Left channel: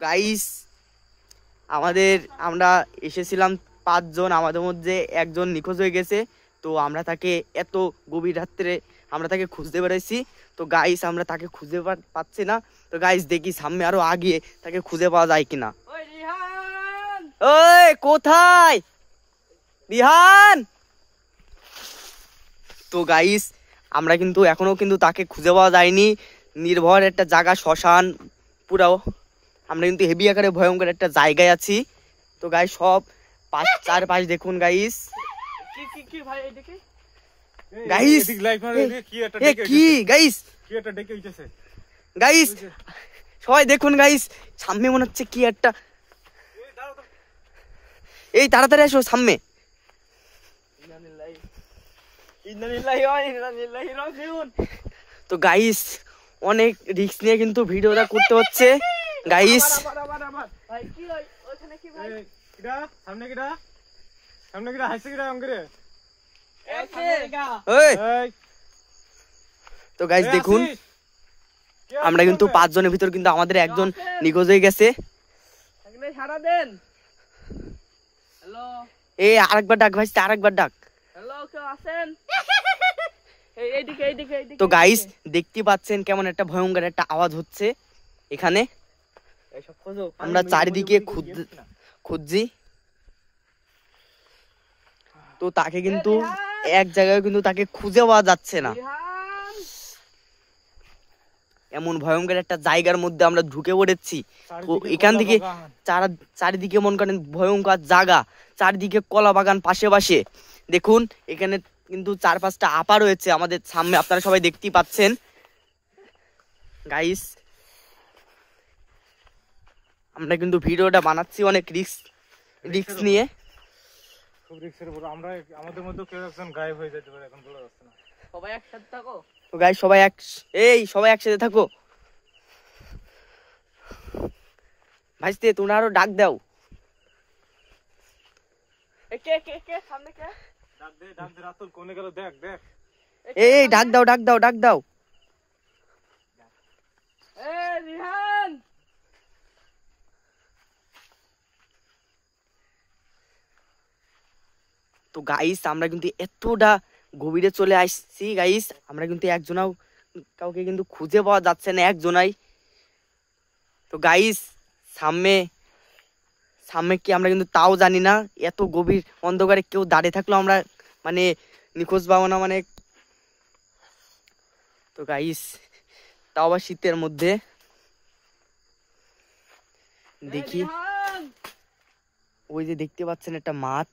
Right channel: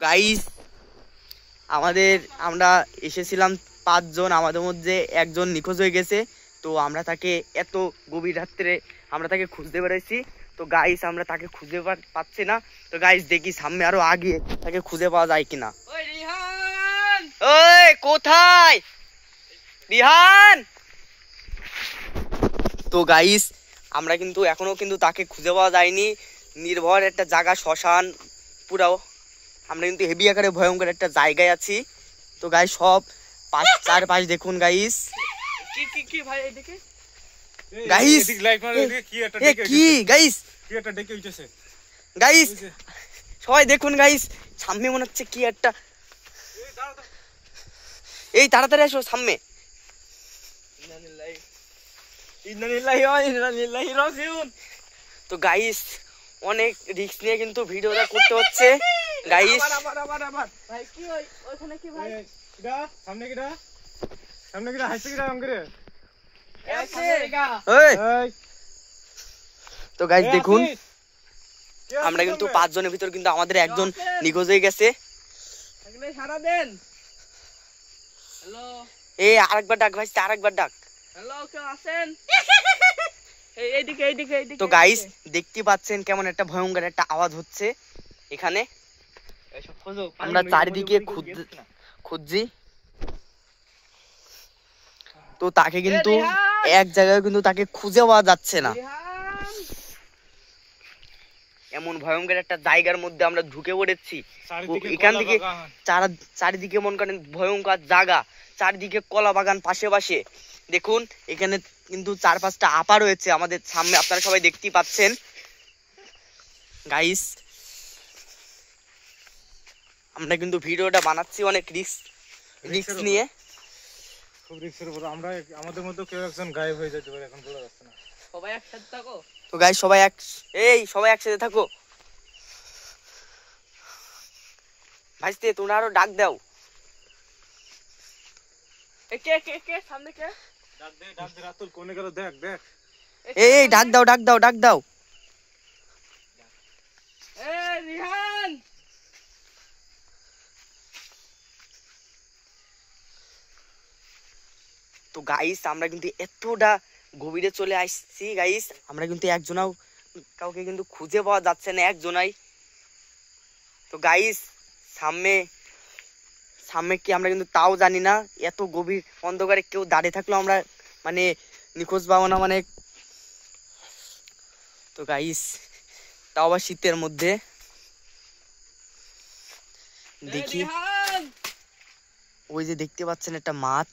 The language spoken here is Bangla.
গাইস আমরা এসেছিলাম 5 জন, আমাদের মধ্যে একজন নিখোঁজ হয়ে গেছে। তো আমরা তাকে এত গভীর রাত্রে আমরা তাকে খুঁজতে বেড়াইছি। তো গাইস আমরা তাকে খুঁজে পাচ্ছি না। তো গাইস দেখি সামনে আরো আগে তাকে খুঁজে পাওয়া যায় কিনা। ওই রিহান, ওই কোথায় রিহান? তো গাইস আমরা কিন্তু এখনো কিন্তু তাকে খুঁজে পাওয়া যায়নি। নির্ভর একটা জায়গা, শ্মশান পুরাও। আমরা কিন্তু হেভি আকারে ভয়ঙ্কর একটা জায়গায় আছি। তো গাইস সব চারপাশ দেখুন গাইস। কি ভাই এদিকে গাইস, কি গাইস, কি একটা ডেকে উঠেছে গাইস, সবাই দেখুন গাইস। সামনে মনে হচ্ছে কি একটা, এই তাড়াতাড়ি এসো সামনে। তো গাইস অনেক রিস্ক নিয়ে কিন্তু ভিডিওটা করতে হচ্ছে গাইস। তো গাইস দেখুন আমরা কিন্তু 5 জনের ভিতর কিন্তু আমাদের একজন নিখোঁজ হয়ে গেছে। এই আরেকবার ডাক ভাই, আরেকবার ডাক। তো গাইস দেখতে পাচ্ছেন কেমন একটা ভয়ঙ্কর একটা আওয়াজ হচ্ছে এখানে। আমরা চারিদিকে খুঁজছি, তো তাকে কিন্তু এক জায়গায় কিন্তু তাকে খুঁজে পাওয়া যাচ্ছে না। এমন ভয়ঙ্কর একটা জায়গার মধ্যে আমরা ঢুকে পড়েছি। এখান থেকে চারিদিকে মনে করেন ভয়ঙ্কর জায়গা, চারিদিকে কলা বাগান পাশে পাশে। দেখুন এখানে কিন্তু 4-5টা আপা রয়েছে আমাদের সামনে, আপনারা সবাই দেখতেই পাচ্ছেন গাইস। আমরা কিন্তু ভিডিওটা বানাচ্ছি অনেক রিস্ক নিয়ে। খুব রিস্কের উপর আমরা, আমাদের মধ্যে কেউ একজন গায়েব হয়ে যেতে পারে, এখন বলা যাচ্ছে না। সবাই একসাথে থাকো। তো গাইস সবাই একসাথে থাকো। ভাইস্তে তোমরা আরো ডাক দাও। কে সামনে কে? ডাক দে রাতুল কোনে গেল, দেখ দেখ। এই ডাক দাও। এই রিহান, তো গাইস আমরা কিন্তু এতটা গভীরে চলে আসছি গাইস। আমরা কিন্তু একজনাও কাউকে কিন্তু খুঁজে পাওয়া যাচ্ছে না, একজনাই। তো গাইস সামনে কি আমরা কিন্তু তাও জানি না। এত গভীর অন্ধকারে কেউ দাঁড়িয়ে থাকলো আমরা মানে নিখোঁজ পাবো না মানে। তো গাইস তাও আবার শীতের মধ্যে। দেখি ওই যে দেখতে পাচ্ছেন একটা মাছ,